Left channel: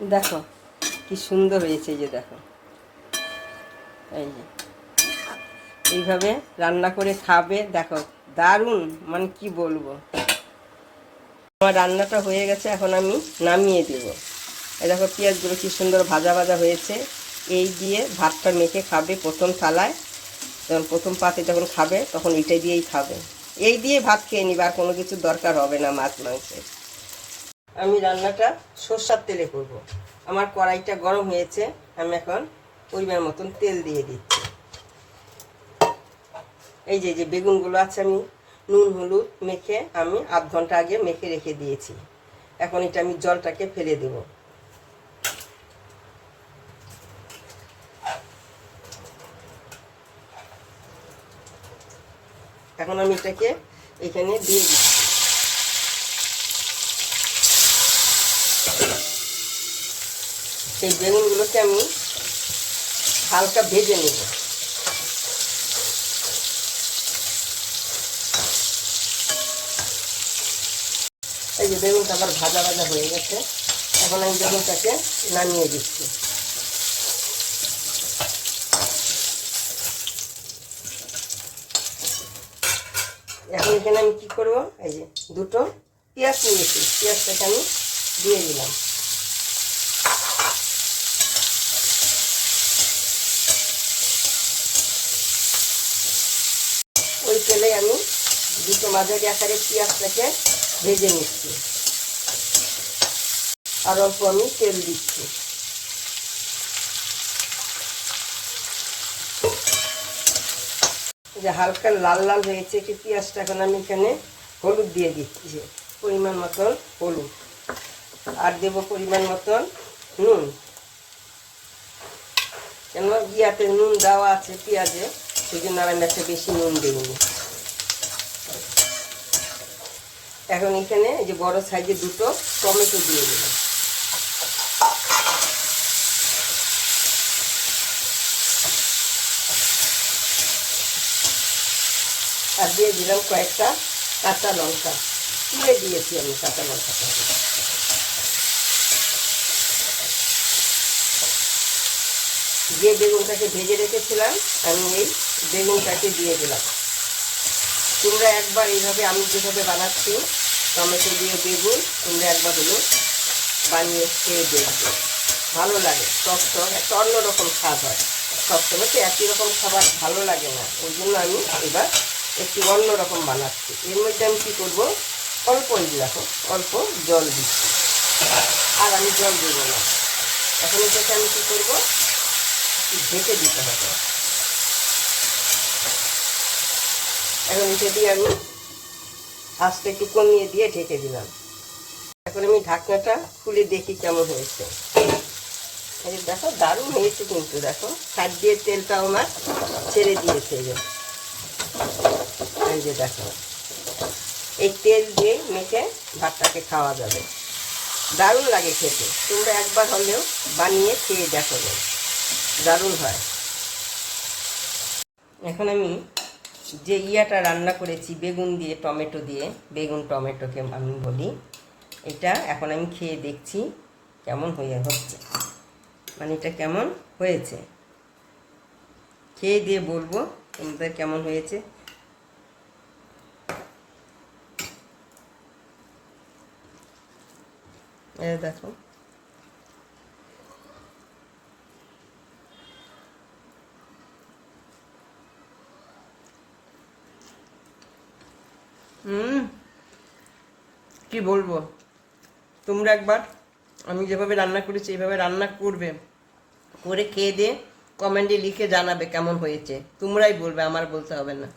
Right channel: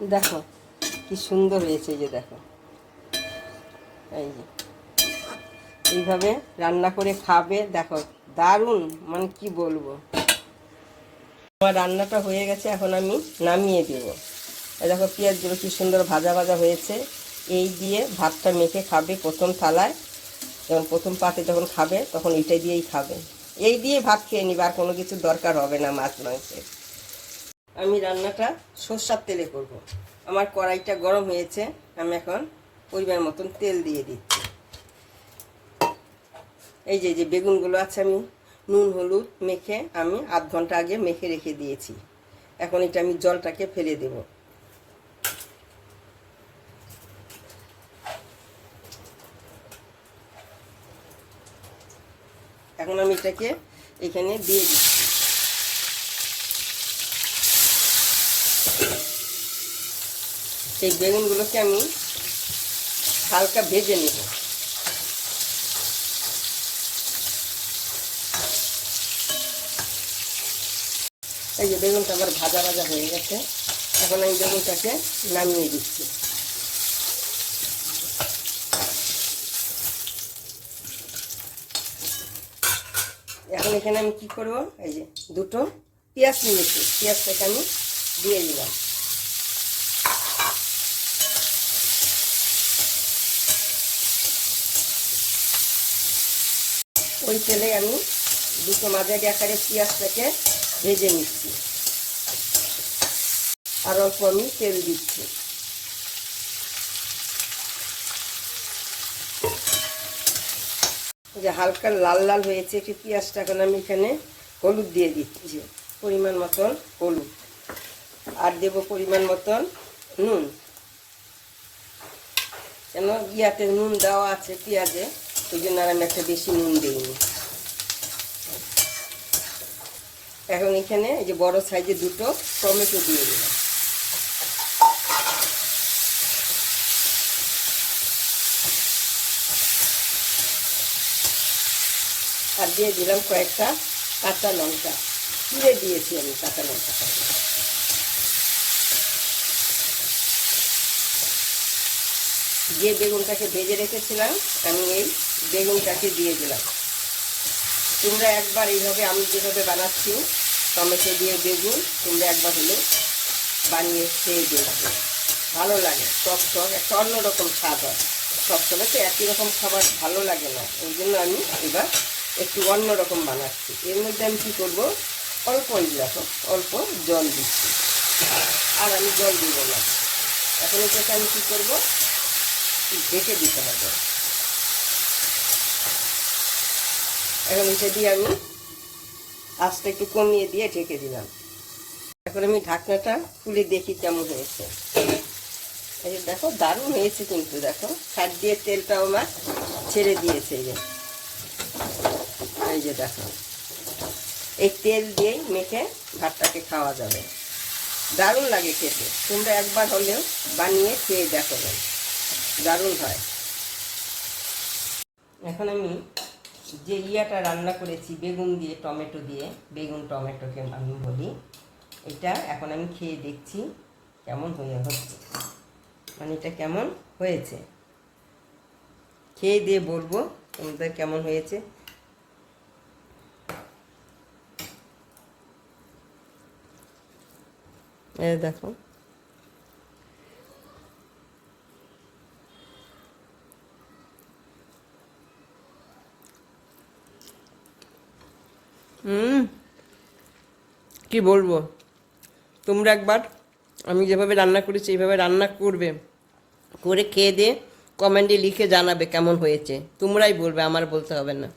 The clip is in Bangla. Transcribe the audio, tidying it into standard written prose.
দেখো কি সুন্দর হয়েছে, এই যে দেখো, এই যে এইভাবে রান্না করে খাবে, দেখো দারুণ, মানে কি বলবো। আমার রান্নাটা হয়ে গেছে, এখন আমি নামিয়ে দেব। এই দেখো পেঁয়াজগুলো কি সুন্দর ভাজা ভাজা হয়েছে। এই দিয়ে ভাতটা মেখে খাবে প্রথম থালায়, যখন প্রথম পাতে যখন খাবে তখন এইটাই দিয়েই খাবে। এই দিয়ে ভাত খেয়ে নিবে, আর কোনো কিছু দরকার হবে না মাছ মাংসের। আমি রান্নাটা সরষের তেলে করব। আমার কড়াইটা গরম হয়েছে, আমি এখন পরিমাণ মতন তেল দিয়ে দিচ্ছি। এই যে বেগুনগুলো আছে, আমি নুন হলুদ মেখে আমি আধ ঘন্টা আগে মেখে রেখে দিয়েছি। এখন এটা আমি জলটাকে ফেলে দেব। এখন আমি এটাকে এখানে দিয়ে দিচ্ছি। সেই বেগুনগুলোকে আমি হালকা ভেজে নেব। এই যে বেগুনটা আবার ভাজা ভাজা হয়ে গেছে, এখন আমি বেগুনটাকে নামিয়ে দিচ্ছি। এখন এখানে আমি কি করব, এই যে দুটো পেঁয়াজ নিয়েছি, পেঁয়াজটাকে আমি দিয়ে দিলাম। ওই তেলে আমি দুটো মাঝারি আকারে পেঁয়াজটাকে ভেজে নিচ্ছি, আর অল্প আমি তেল দিচ্ছি। যে হালকা লাল লাল হয়েছে একটু পেঁয়াজটা, এখন আমি এখানে হলুদ দিয়ে দিচ্ছি, পরিমাণ মতন হলুদ, আর দেব পরিমাণ মতন নুন। কেন ইয়াতে নুন দেওয়া আছে পেঁয়াজে, সেই জন্য আর আমি একটা বেশি নুন দিইনি। এখন এখানে এই যে বড় সাইজের দুটো টমেটো দিয়ে দিলাম। আর দিয়ে দিলাম কয়েকটা কাঁচা লঙ্কা, চিড়ে দিয়েছি আমি কাঁচা লঙ্কাটা। যে বেগুনটাকে ভেজে রেখেছিলাম আমি এই বেগুনটাকে দিয়ে দিলাম। তোমরা একবার এইভাবে আমি যেভাবে বানাচ্ছি টমেটো দিয়ে বেগুন, তোমরা একবার হলো বানিয়ে খেয়ে দেখবে, ভালো লাগে। টক টক একটা অন্যরকম স্বাদ হয়, সবসময় তো একই রকম খাবার ভালো লাগে না, ওই জন্য আমি এবার একটু অন্যরকম বানাচ্ছি। এর মধ্যে আমি কী করবো, অল্প অল্প জল দিচ্ছি, আর আমি জল দেবো না। এখন এটাকে আমি কী করবো, ঢেকে দিতে হবে। এখন এটা দিয়ে আমি আঁচটা একটু কমিয়ে দিয়ে ঢেকে দিলাম। এখন আমি ঢাকনাটা খুলে দেখি কেমন হয়েছে। এই দেখো দারুণ হয়েছে, কিন্তু দেখো সাইড দিয়ে তেলটাও আমার ছেড়ে দিয়েছে। এই যে দেখো, এই তেল দিয়ে মেখে ভাতটাকে খাওয়া যাবে, দারুণ লাগে খেতে। তোমরা একবার হলেও বানিয়ে খেয়ে দেখো, দারুণ হয়। এখন আমি যে ইয়াটা রান্না করেছি বেগুন দিয়ে টমেটো দিয়ে, বেগুন টমেটোকে আমি বলি, এটা এখন আমি খেয়ে দেখছি কেমন হচ্ছে, মানে এটা কেমন হয়েছে, খেয়ে দিয়ে বলবো তোমাদের কেমন হয়েছে। দেখো কি বলবো, তোমরা একবার আমি যেভাবে রান্না করেছি এইভাবে রান্না করবে, করে খেয়ে দিয়ে কমেন্টে লিখে জানাবে কেমন হয়েছে। তোমরাই বলবে, আমার বলতে হবে না।